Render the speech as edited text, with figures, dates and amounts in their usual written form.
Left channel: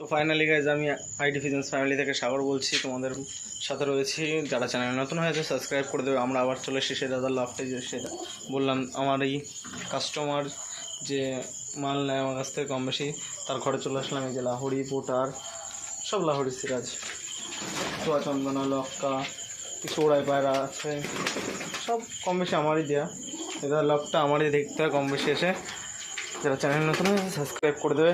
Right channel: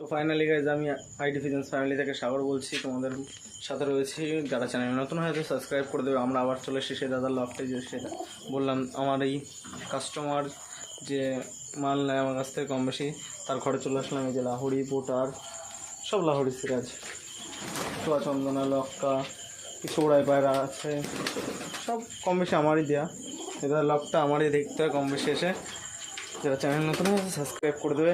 তো finally guys আমি ID ফিজেন্স family থেকে সাগর বলছি, তোমাদের সাথে রয়েছি। যারা চ্যানেল নতুন হয়েছে সাবস্ক্রাইব করে দেবে। আমরা আবার চলে এসেছি দাদার লফটে, যে সেটা বললাম আমার এই কাস্টমার যে মাল নেয় আমার কাছ থেকে কম বেশি, তার ঘরে চলে আসলাম। এই যে লাহোরি, পোটার, সব লাহোরি সিরাজ, ছোয়া চন্দনা, লক্কা, কিছু ওড়াই পায়রা আছে, সব কম বেশি আমারই দেওয়া। এটা লকটা আমারই দেখতে হয় কম বেশি এসে। যারা চ্যানেল নতুন হয়েছে সাবস্ক্রাইব করে দেবে।